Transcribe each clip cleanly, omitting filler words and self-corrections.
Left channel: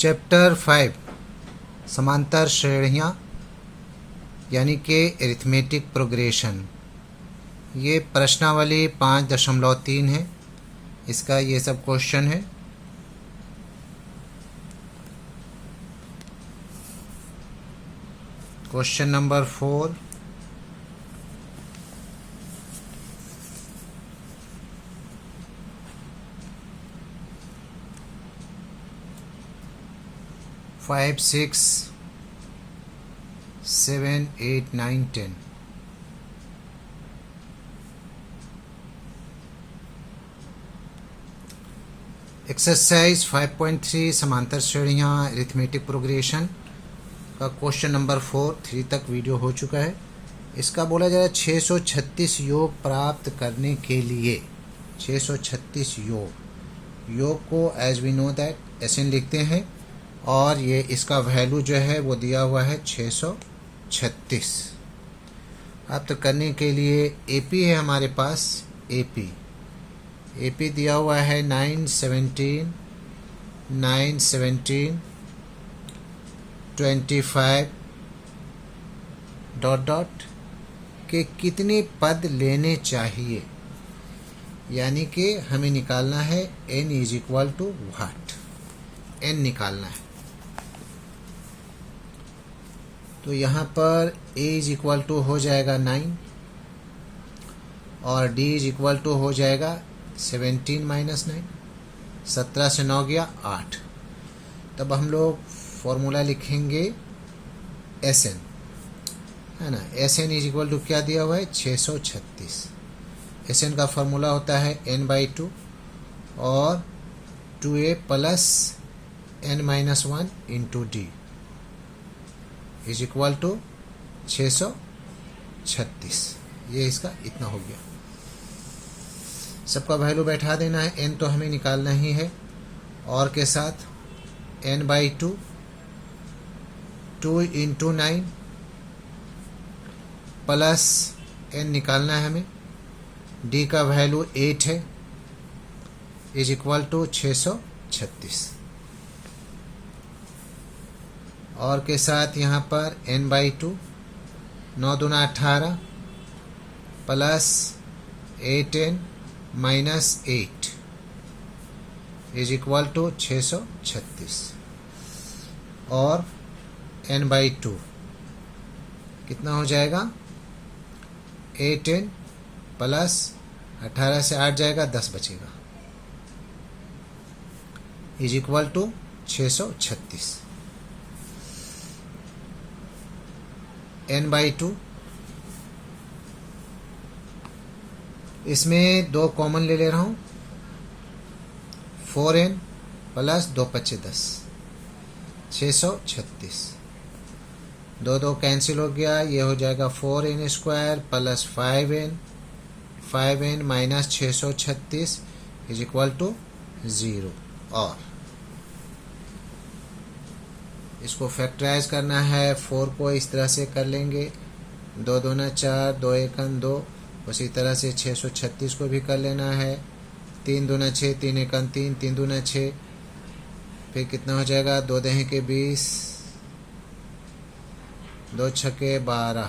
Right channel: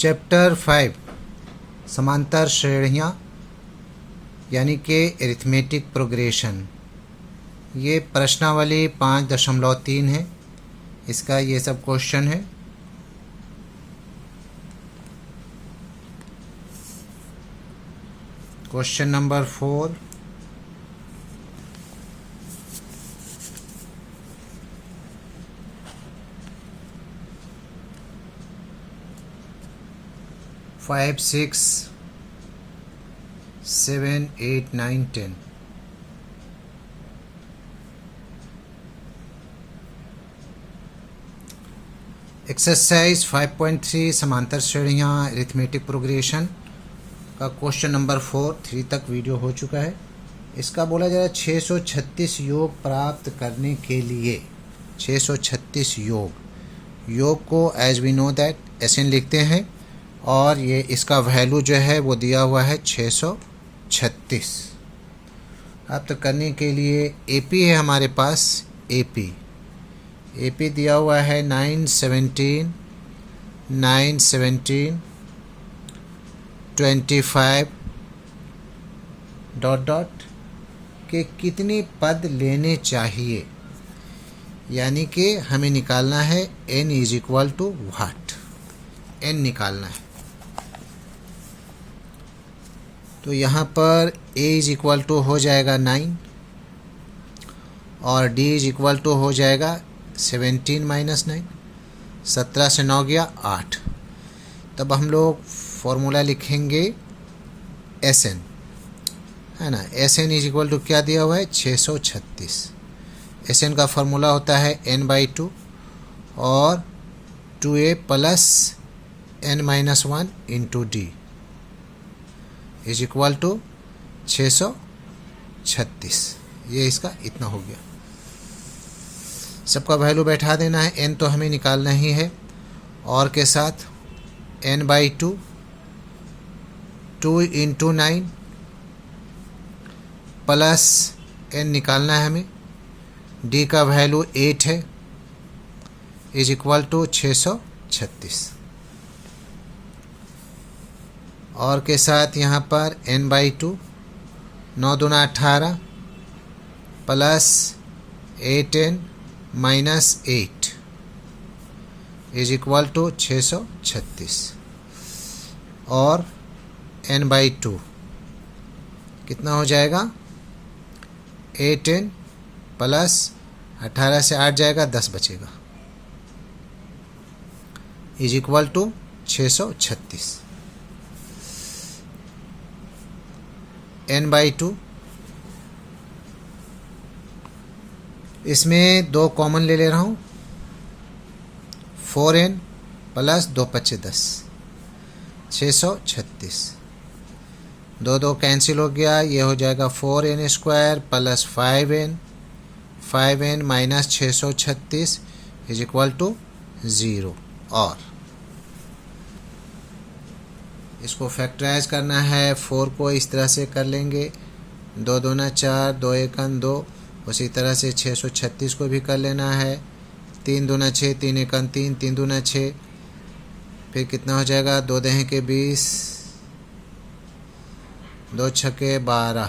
Chapter 5 समांतर श्रेणियाँ यानी कि एरिथमेटिक प्रोग्रेशन। ये प्रश्नावली 5.3 है। इसका ये सब क्वेश्चन है। Question number 4, five, 6, 7, 8, 9, 10। एक्सरसाइज 5.3 समांतर श्रेणियाँ अरिथमेटिक प्रोग्रेशन का क्वेश्चन नंबर 4 3 तक वीडियो हो चुका है। इसका बोला जा रहा है 636 योग प्राप्त करने के लिए 636 योग को as we know that SN लिखते हैं और ये इसका वैल्यू जो है वो दिया हुआ है 636। प्राप्त करने के लिए एपी है हमारे पास। एपी दिया हुआ है 917, 25 डॉट के कितने पद लेने चाहिए, यानी कि हमें निकालना है n is equal to what. n निकालना है तो यहाँ पर a इज इक्वल टू हो जाएगा 9 और d इज इक्वल टू हो जाएगा 17 माइनस 9। 17 से 9 गया 8। तब हम लोग फॉर्मूला लिखेंगे Sn, है ना। Sn इज इक्वल टू क्या दिया हुआ है 636। Sn का फॉर्मूला होता है n/2 और 2a plus n-1 into d is equal to 636। ये इसका इतना हो गया। सबका वैल्यू बैठा देना है। n तो हमें निकालना ही है और के साथ n/2 2 इंटू 9 प्लस n निकालना है हमें। d का वैल्यू 8 है इज इक्वल टू 636 और के साथ यहाँ पर n/2 9 दूना 18 plus 8n minus 8 is equal to 636 और n/2 कितना हो जाएगा 8n प्लस 18 से 8 जाएगा 10 बचेगा इज इक्वल टू 636। n/2 इसमें 2 कॉमन ले रहा हूँ। 4n plus 2 × 5 = 10 636। 2 कैंसिल हो गया। ये हो जाएगा 4n² plus 5n minus 636 is equal to 0। और इसको फैक्टराइज करना है। 4 को इस तरह से कर लेंगे 2 दूना 4 2 1 2। उसी तरह से 636 को भी कर लेना है। 3 दूना 6 3 1 3 3 दूना 6। फिर कितना हो जाएगा 2 दहें के 20 2 छके 12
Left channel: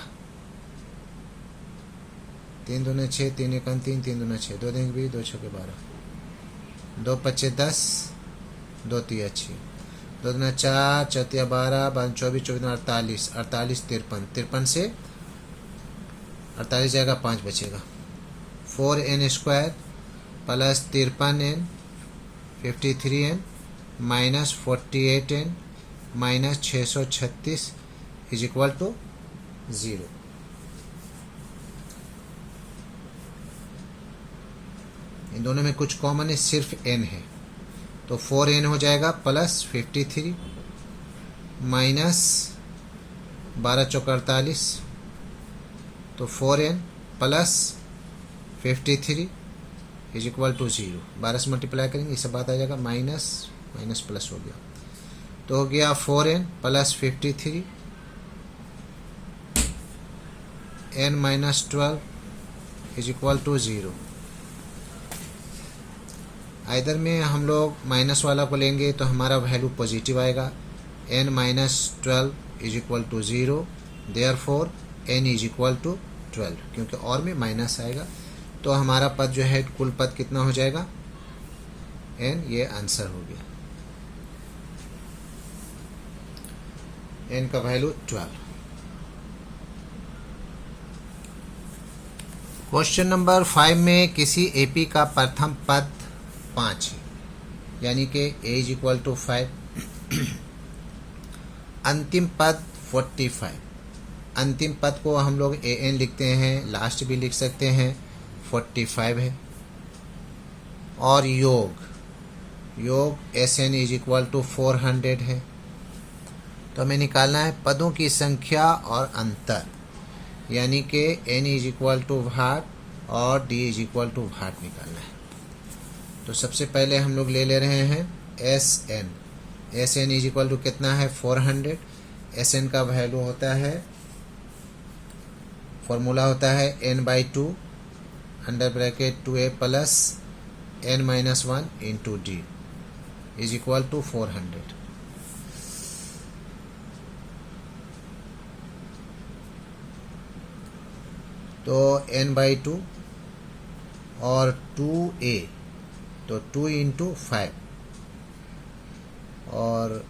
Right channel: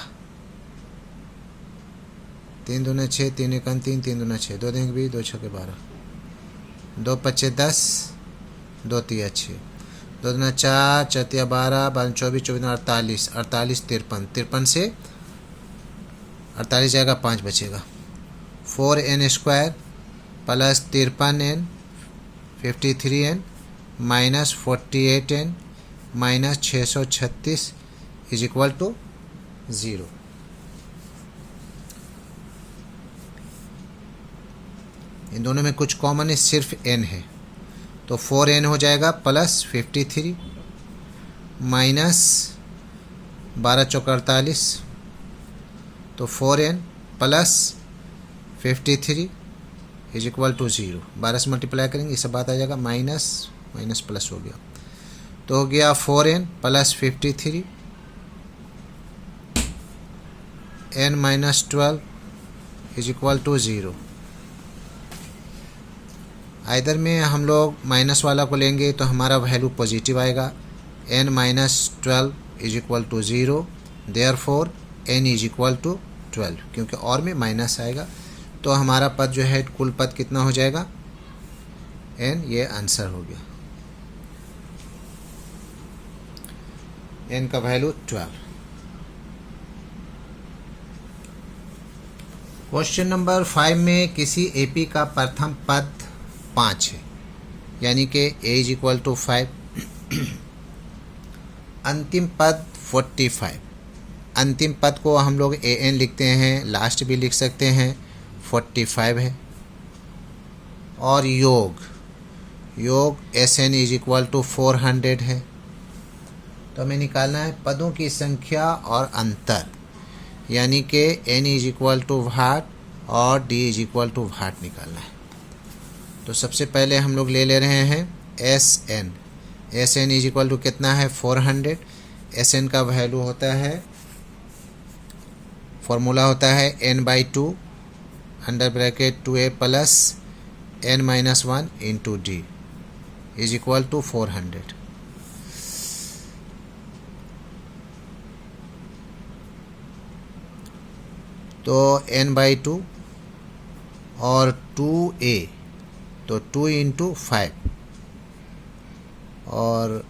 3 दूना 6 3 1 3 3 दूना 6 2 दहें के 20 2 छके 12 2 × 5 = 10 2 × 3 = 6 2 दूना 4 4 × 12 12 24 24 48 48 53 से 48 जाएगा 5 बचेगा। 4n² plus 53n 53n minus 48n minus 636 is equal to 0। इन दोनों में कुछ कॉमन है, सिर्फ n है तो 4n हो जाएगा प्लस 53 माइनस 12 × 4 = 48 तो 4n plus 53 is equal to 0। 12 से मल्टीप्लाई करेंगे ये सब बात आ जाएगा। माइनस प्लस हो गया तो हो गया 4n plus 53 n - 12 is equal to 0। Either में हम लोग माइनस वाला को लेंगे तो हमारा वैल्यू पॉजिटिव आएगा, n minus 12 is equal to 0, therefore n is equal to 12, क्योंकि और में माइनस आएगा तो हमारा पद जो है कुल पद कितना हो जाएगा, n, ये आंसर हो गया, n का वैल्यू 12। क्वेश्चन नंबर 5 में किसी एपी का प्रथम पद 5 है, यानी कि a इज इक्वल टू 5, अंतिम पद 45, अंतिम पद को हम लोग an लिखते हैं, लास्ट भी लिख सकते हैं, 45 है। और योग Sn इज इक्वल टू 400 है। तो हमें निकालना है पदों की संख्या और अंतर, यानी कि n इज इक्वल टू भाट और d इज इक्वल टू भाट निकालना है। तो सबसे पहले हम लोग ले रहे हैं Sn इज इक्वल टू कितना है, 400। Sn का वैल्यू होता है, फॉर्मूला होता है n/2 under bracket 2a plus n minus 1 into d is equal to 400। तो n/2 और 2a, तो 2 इंटू 5, और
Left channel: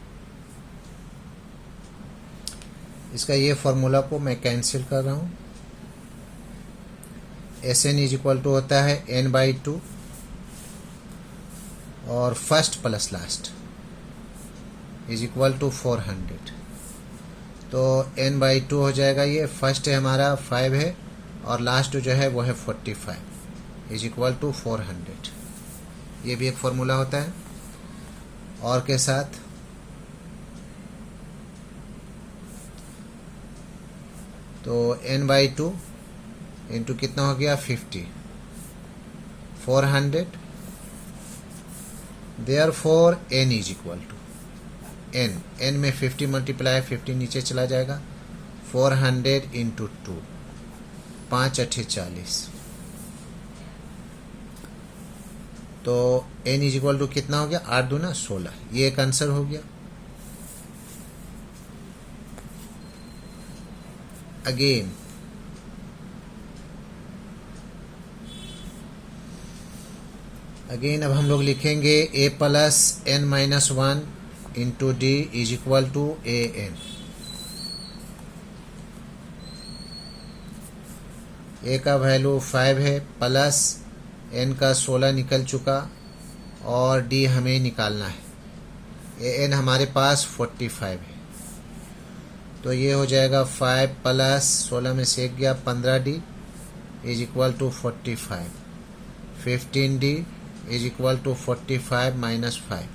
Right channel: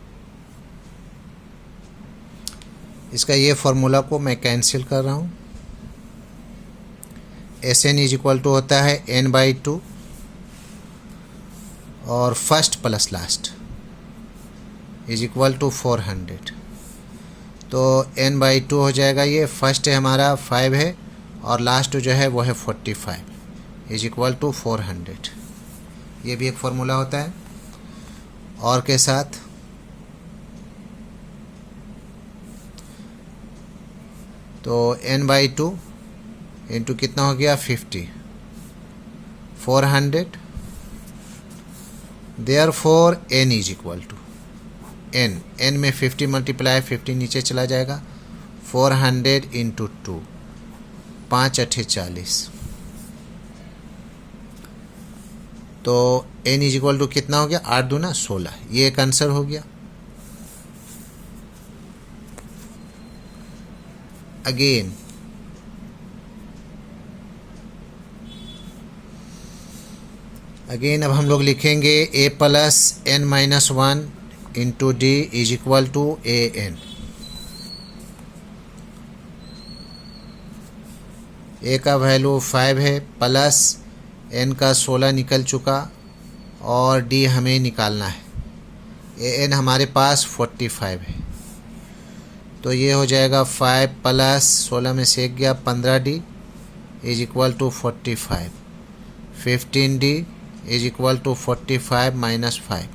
इसका ये फॉर्मूला को मैं कैंसिल कर रहा हूँ। Sn इज इक्वल टू होता है n/2 और first plus last is equal to 400। तो n/2 हो जाएगा, ये फर्स्ट है हमारा 5 है और लास्ट जो है वो है 45 इज इक्वल टू 400। ये भी एक फॉर्मूला होता है। और के साथ तो n/2 इंटू कितना हो गया, 50, 400, therefore n is equal to n में 50 मल्टीप्लाई 50 नीचे चला जाएगा, 400 इंटू 2, 5 8 40। तो n इज इक्वल टू कितना हो गया, 8 दूना 16, ये एक आंसर हो गया। अगेन अब हम लोग लिखेंगे a plus n minus 1 into d is equal to an। a का वैल्यू 5 है, प्लस n का 16 निकल चुका और d हमें निकालना है। an हमारे पास 45 है, तो ये हो जाएगा 5 प्लस 16 में से 1 गया 15d is equal to 45, 15d is equal to 45 minus 5।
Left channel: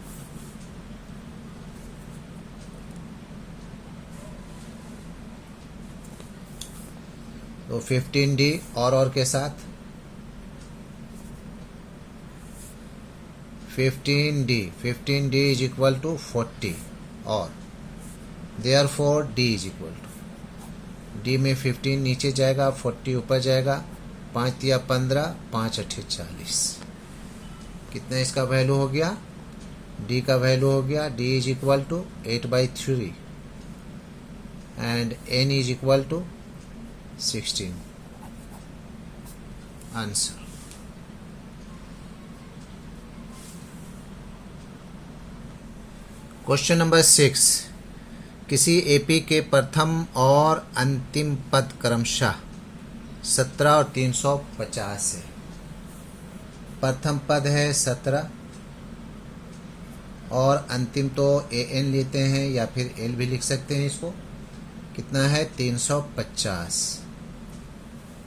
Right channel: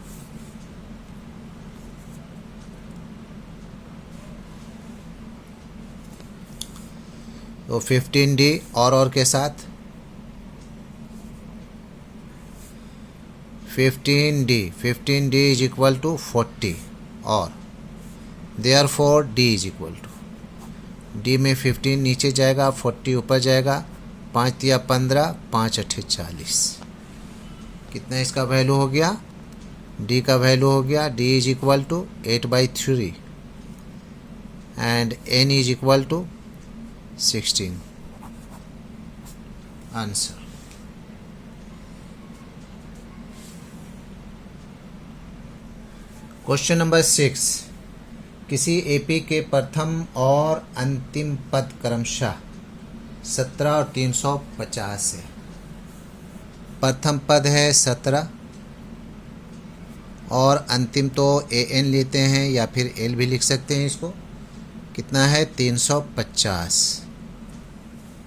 तो 15d और के साथ 15d इज इक्वल टू 40 और therefore d is equal to, d में 15 नीचे जाएगा, 40 ऊपर जाएगा, 5 तिया 15, 5 8 40। कितना इसका वैल्यू हो गया, d का वैल्यू हो गया, d is equal to 8/3 and n is equal to 16। Answer. Question number 6, किसी एपी के प्रथम और अंतिम पद क्रमशः 17 और 350 है। प्रथम पद है 17 और अंतिम तो an लेते हैं या फिर l भी लिख सकते हैं। इसको कितना है, 350,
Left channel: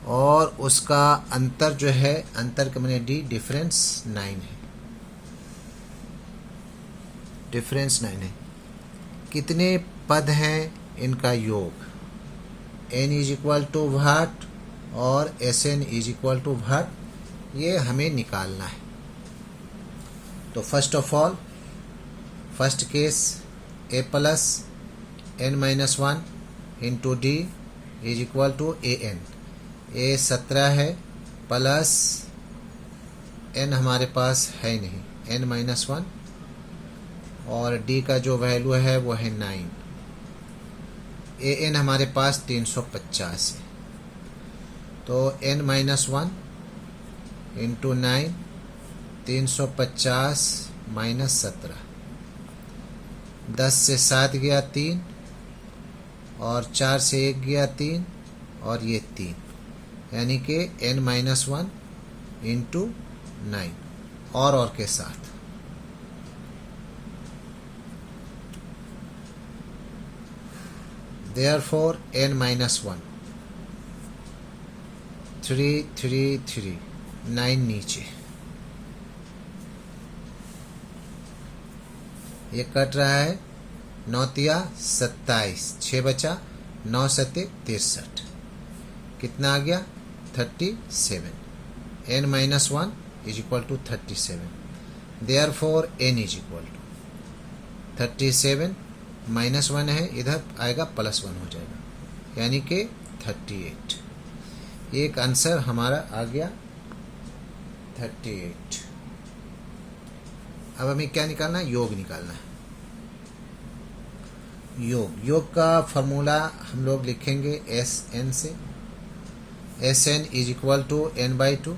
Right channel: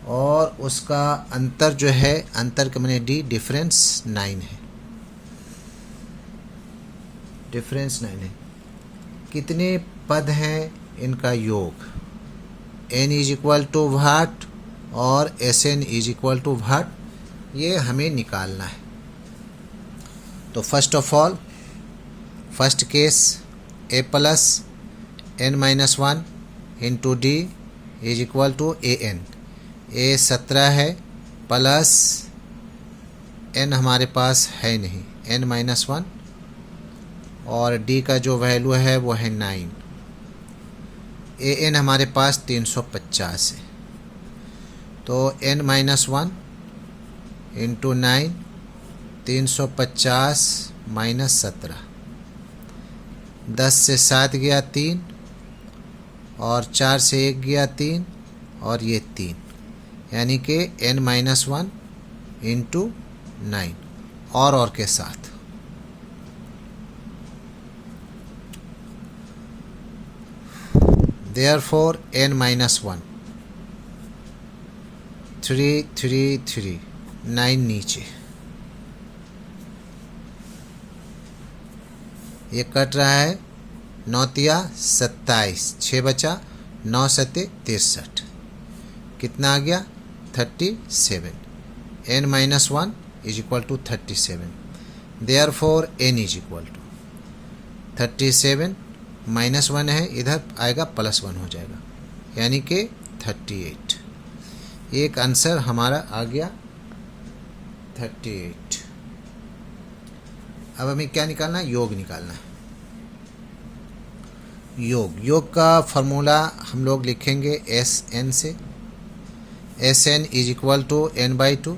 और उसका अंतर जो है, अंतर के मैंने d डिफरेंस 9 है, डिफरेंस 9 है। कितने पद हैं, इनका योग, n इज इक्वल टू भाट और Sn इज इक्वल टू भाट, ये हमें निकालना है। तो first of all, first case a plus n minus 1 into d is equal to an। a 17 है, प्लस n हमारे पास है नहीं, n-1 और d का जो वैल्यू है वो है 9। an हमारे पास 350 है, तो n-1 इंटू 9, 350 माइनस 17, 10 से 7 गया 3, और 4 से 1 गया 3, और ये 3, यानी कि n-1 इंटू 9 और के साथ। Therefore n-1 3 3 3 9 नीचे, ये कट रहा है 9 तिया 27, 6 बचा, 9 सत्ते 63, कितना आ गया 37। n-1 is equal to 37। Therefore n is equal to 37 -1 है, इधर आएगा +1 हो जाएगा, यानी कि 38। एक आंसर हमारा आ गया 38। अब हमें क्या निकालना है? योग निकालना है। योग का फॉर्मूला हम लोग लिखेंगे Sn से। Sn is equal to n/2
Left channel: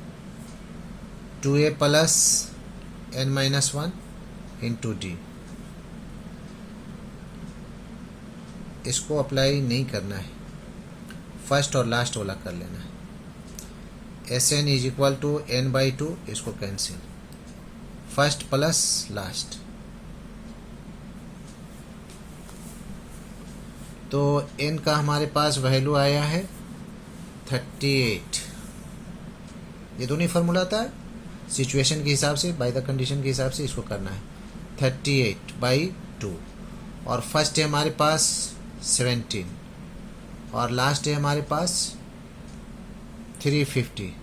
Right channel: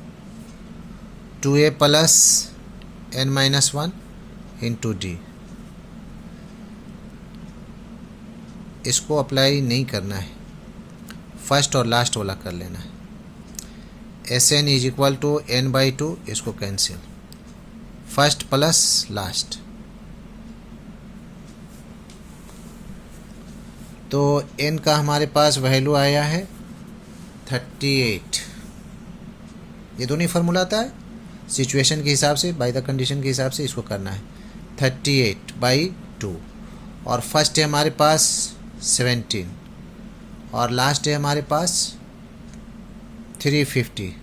2a plus n-1 into d। इसको अप्लाई नहीं करना है, फर्स्ट और लास्ट वाला कर लेना है। Sn is equal to n/2, इसको कैंसिल, फर्स्ट प्लस लास्ट, तो n का हमारे पास वैल्यू आया है 38। ये दोनों फार्मूला आता है, सिचुएशन के हिसाब से, बाय द कंडीशन के हिसाब से इसको करना है। 38/2, और फर्स्ट है हमारे पास 17, और लास्ट है हमारे पास 350।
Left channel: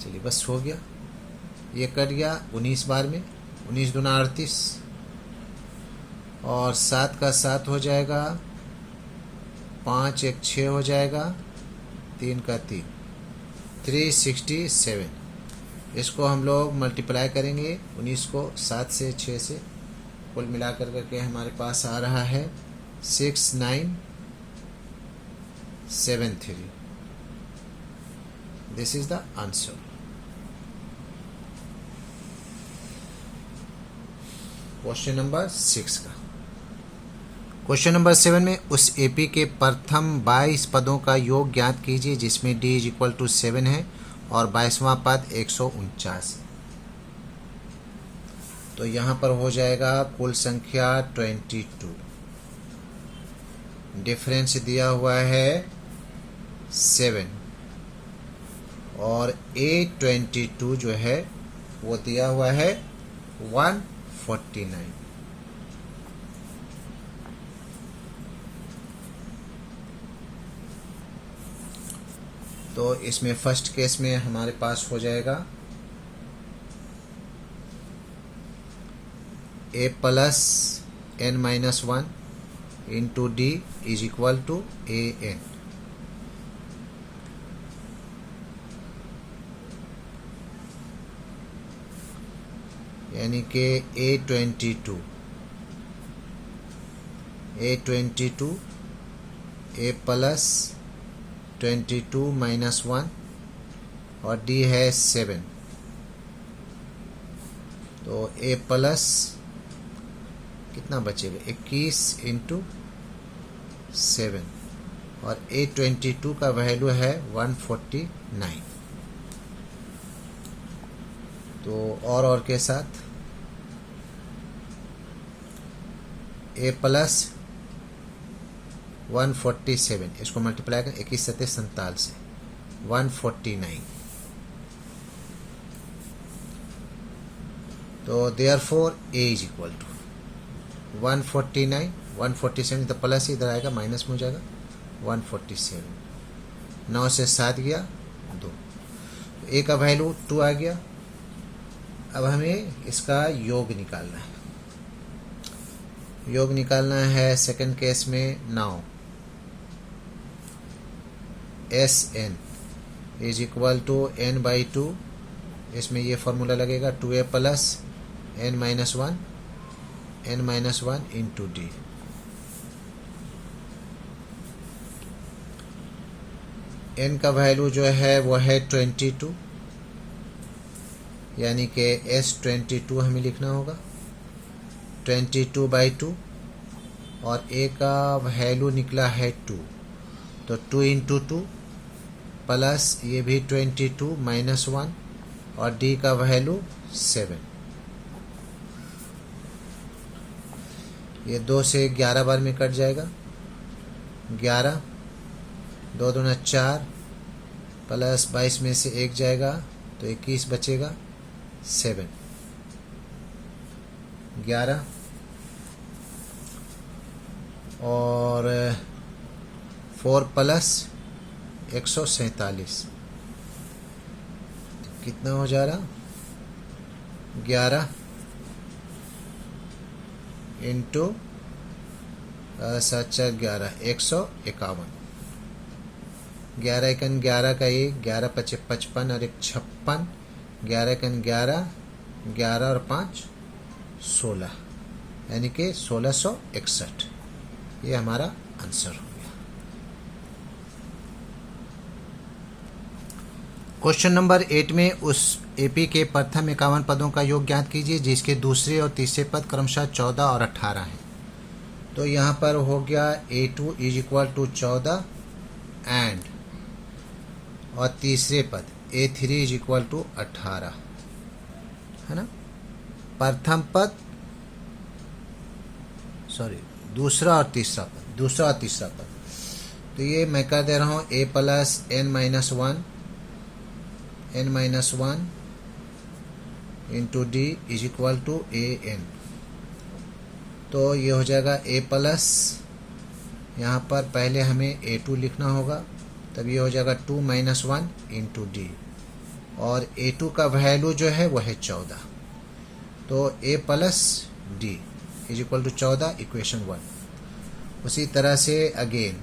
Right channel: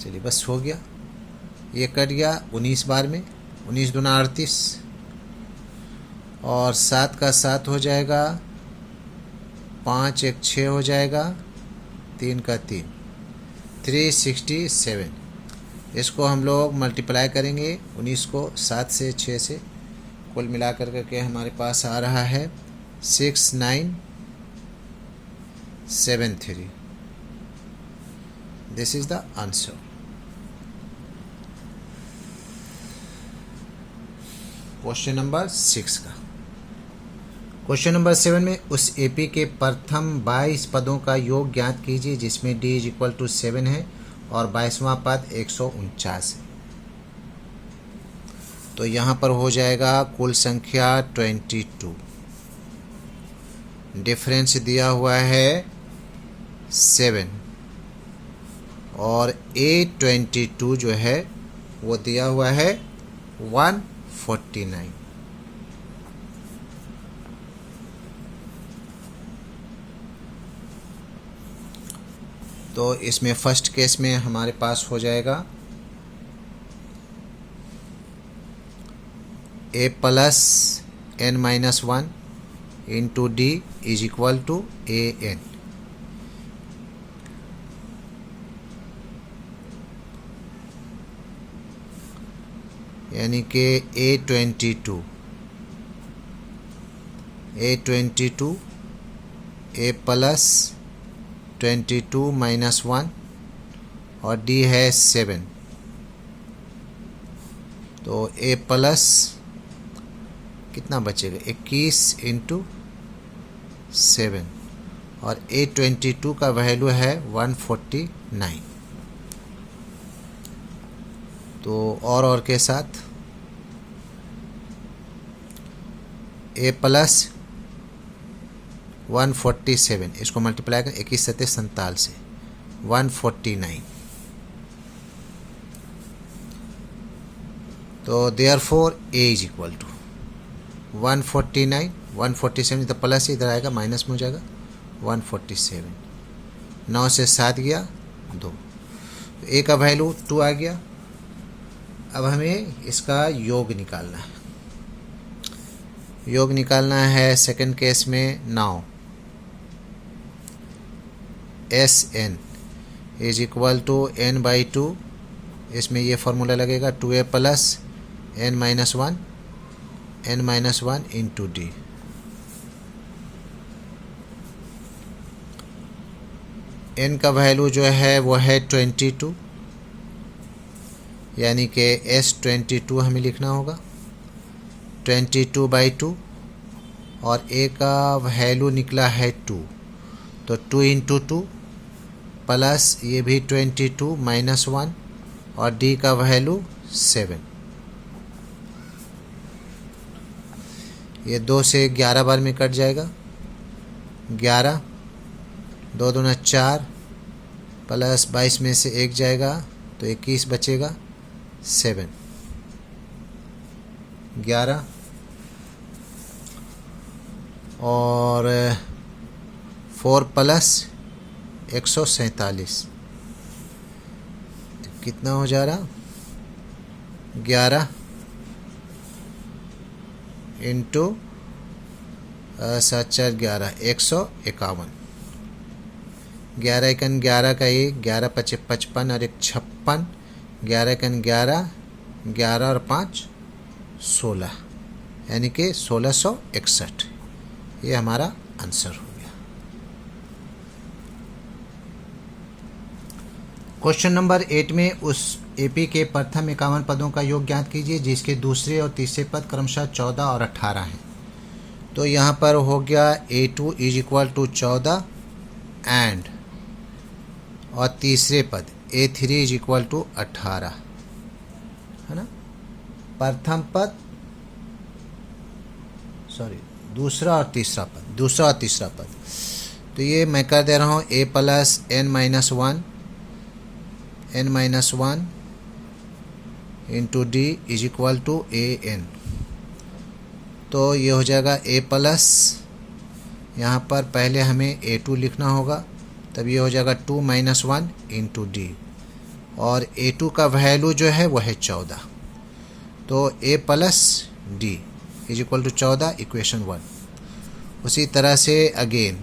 चलिए बस हो गया, ये कट गया 19 बार में, 19 दूना 38, और 7 का 7 हो जाएगा, 5 एक 6 हो जाएगा, 3 का 3, 367। इसको हम लोग मल्टीप्लाई करेंगे 19 को 7 से 6 से, कुल मिलाकर करके हमारे पास आ रहा है 6973। This is the answer. Question number 6 का। क्वेश्चन नंबर 7 में उस एपी के प्रथम 22 पदों का योग ज्ञात कीजिए जिसमें d इज इक्वल टू 7 है और 22वां पद 149। तो यहाँ पर हो जाएगा कुल संख्या 22, डिफरेंस दिया हुआ है 7, और A22 जो है वो दिया हुआ है 149। तो इसमें फर्स्ट केस में हमारे पास हो जाएगा a plus n-1 into d is equal to an। यानी कि A22 a प्लस 22 माइनस 1 और d है 7, तो a प्लस कितना बचेगा 21 इंटू 7, और A22 का वैल्यू है 149। तो और के साथ a प्लस 147, इसको मल्टीप्लाई करें 21 सत्ते 47 से 149। तो therefore a is equal to 149, 147 तो प्लस इधर आएगा, माइनस में हो जाएगा 147। 9 से 7 गया 2, a का वैल्यू 2 आ गया। अब हमें इसका योग निकालना है। योग निकालना है सेकंड केस में। Now Sn is equal to n/2 इसमें ये फॉर्मूला लगेगा 2a plus n minus one into d. n का वैल्यू जो है वो है 22, यानी कि S22 हमें लिखना होगा 22/2, और a का वैल्यू निकला है 2, तो 2 इंटू 2 प्लस ये भी 22 माइनस 1 और d का वैल्यू 7। ये 2 से 11 बार में कट जाएगा, 11, 2 दूना 4 प्लस 22 में से 1 जाएगा तो 21 बचेगा, 7, 11 और 4 प्लस 147 कितना हो जा रहा, 11 इंटू 7 4 11 151। 11 एकन 11 का 1, 11 पचे 55 और 1 56, 11 एकन 11, 11 और 5 16, यानी कि 1661। ये हमारा आंसर होगा। क्वेश्चन नंबर 8 में उस एपी के प्रथम 51 पदों का योग ज्ञात कीजिए जिसके दूसरे और तीसरे पद क्रमशः 14 और 18 हैं। तो यहाँ पर हो गया A2 is equal to 14 and, और तीसरे पद A3 इज इक्वल टू 18, है ना। प्रथम पद, सॉरी दूसरा और तीसरा पद, तो ये मैं कर दे रहा हूँ a plus n minus one into d is equal to an। तो ये हो जाएगा a प्लस, यहाँ पर पहले हमें A2 लिखना होगा, तब ये हो जाएगा 2 माइनस 1 इंटू डी, और A2 का वैल्यू जो है वो है 14, तो a plus d is equal to 14, equation 1। उसी तरह से अगेन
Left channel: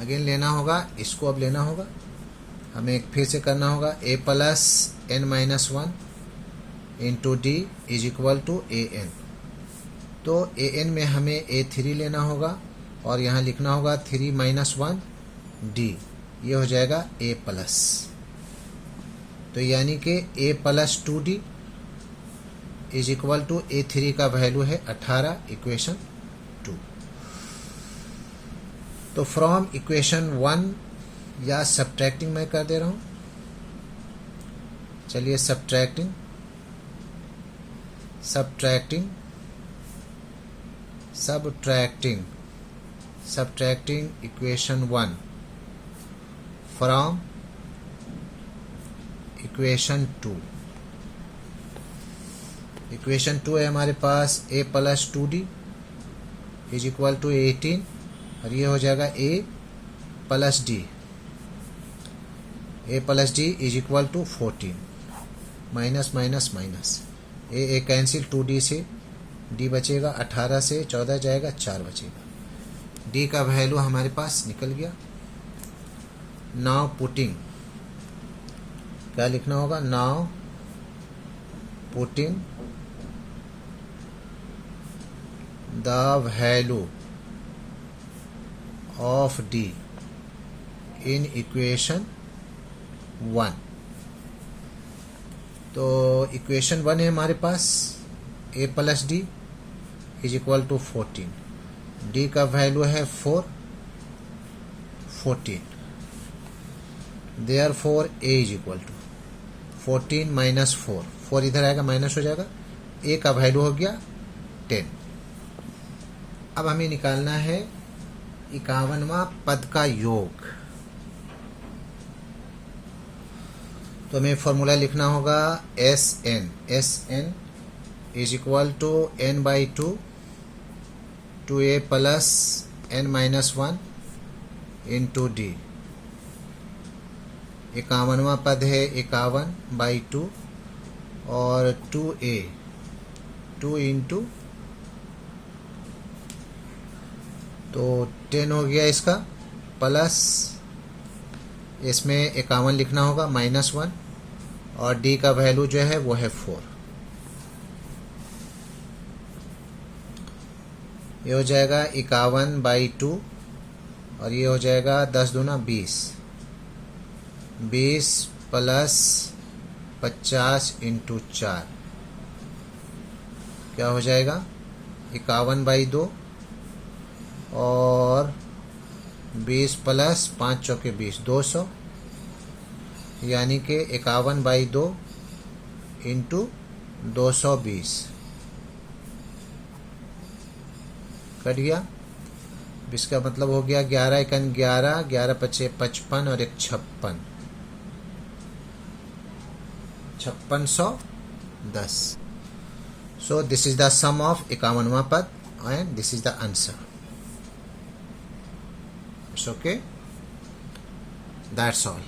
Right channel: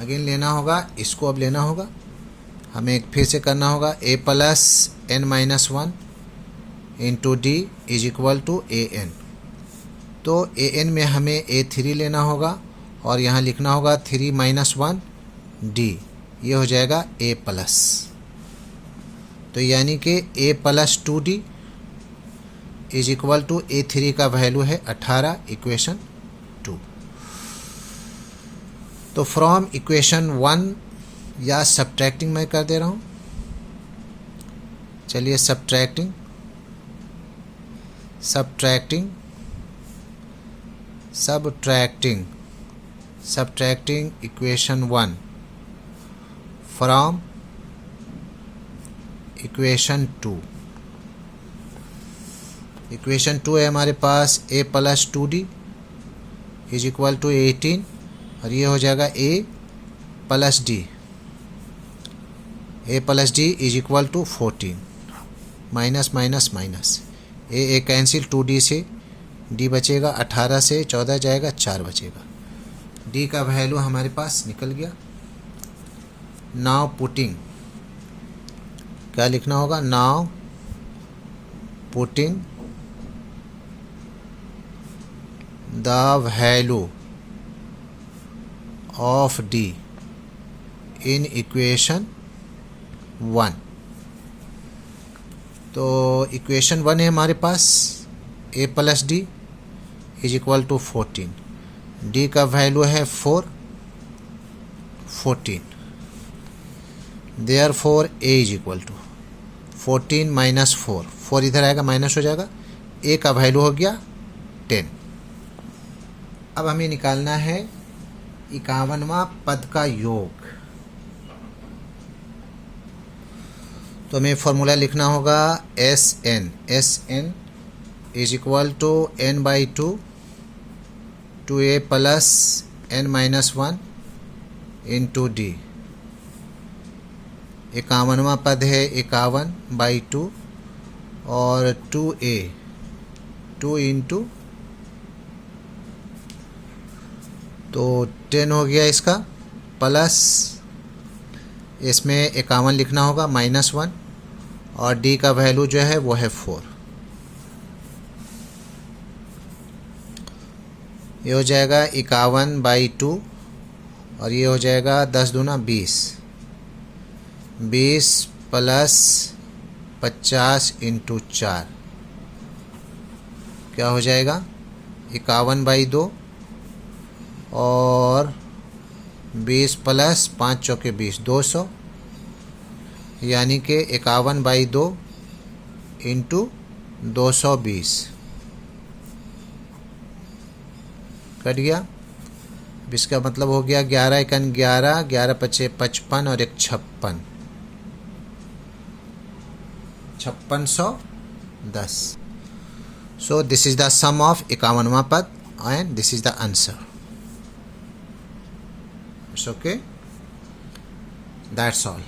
लेना होगा, इसको अब लेना होगा, हमें फिर से करना होगा a plus n minus 1 into d is equal to an। तो an में हमें A3 लेना होगा और यहाँ लिखना होगा 3 माइनस 1 डी, ये हो जाएगा a प्लस, तो यानी कि a plus 2d is equal to A3 का वैल्यू है 18, इक्वेशन 2। तो फ्रॉम इक्वेशन 1 या सब्ट्रैक्टिंग मैं कर दे रहा हूँ, चलिए subtracting equation 1 from equation 2। Equation 2 है हमारे पास a plus 2d is equal to 18, और ये हो जाएगा a plus d is equal to 14, minus minus minus, a cancel, 2d से d बचेगा, 18 से 14 जाएगा, 4 बचेगा, d का वैल्यू हमारे पास निकल गया। नाउ पुटिंग, क्या लिखना होगा, now putting the value of d in equation 1। तो इक्वेशन 1 है हमारे पास a plus d is equal to 14, d का वैल्यू है 4, 14, therefore a is equal to 14 minus 4, 4 इधर आएगा माइनस हो जाएगा, a का वैल्यू हो गया 10। अब हमें निकालना है 51वां पद का योग। तो हमें फॉर्मूला लिखना होगा Sn is equal to n/2 2a plus n minus 1 into D. 51वां पद है 51/2 और 2a 2 इंटू, तो 10 हो गया इसका, प्लस इसमें 51 लिखना होगा -1 और डी का वैल्यू जो है वो है 4। ये हो जाएगा 51/2 और ये हो जाएगा 10 दूना 20, 20 प्लस 50 इंटू 4 क्या हो जाएगा 51/2 और 20 प्लस 5 चौके 20, 200, यानी कि 51/2 इंटू 220 कट गया। इसका मतलब हो गया 11 एकन 11, 11 पचे 55 और 1 56, 5610। So this is the sum of 51वां पद and this is the answer. It's okay. That's all.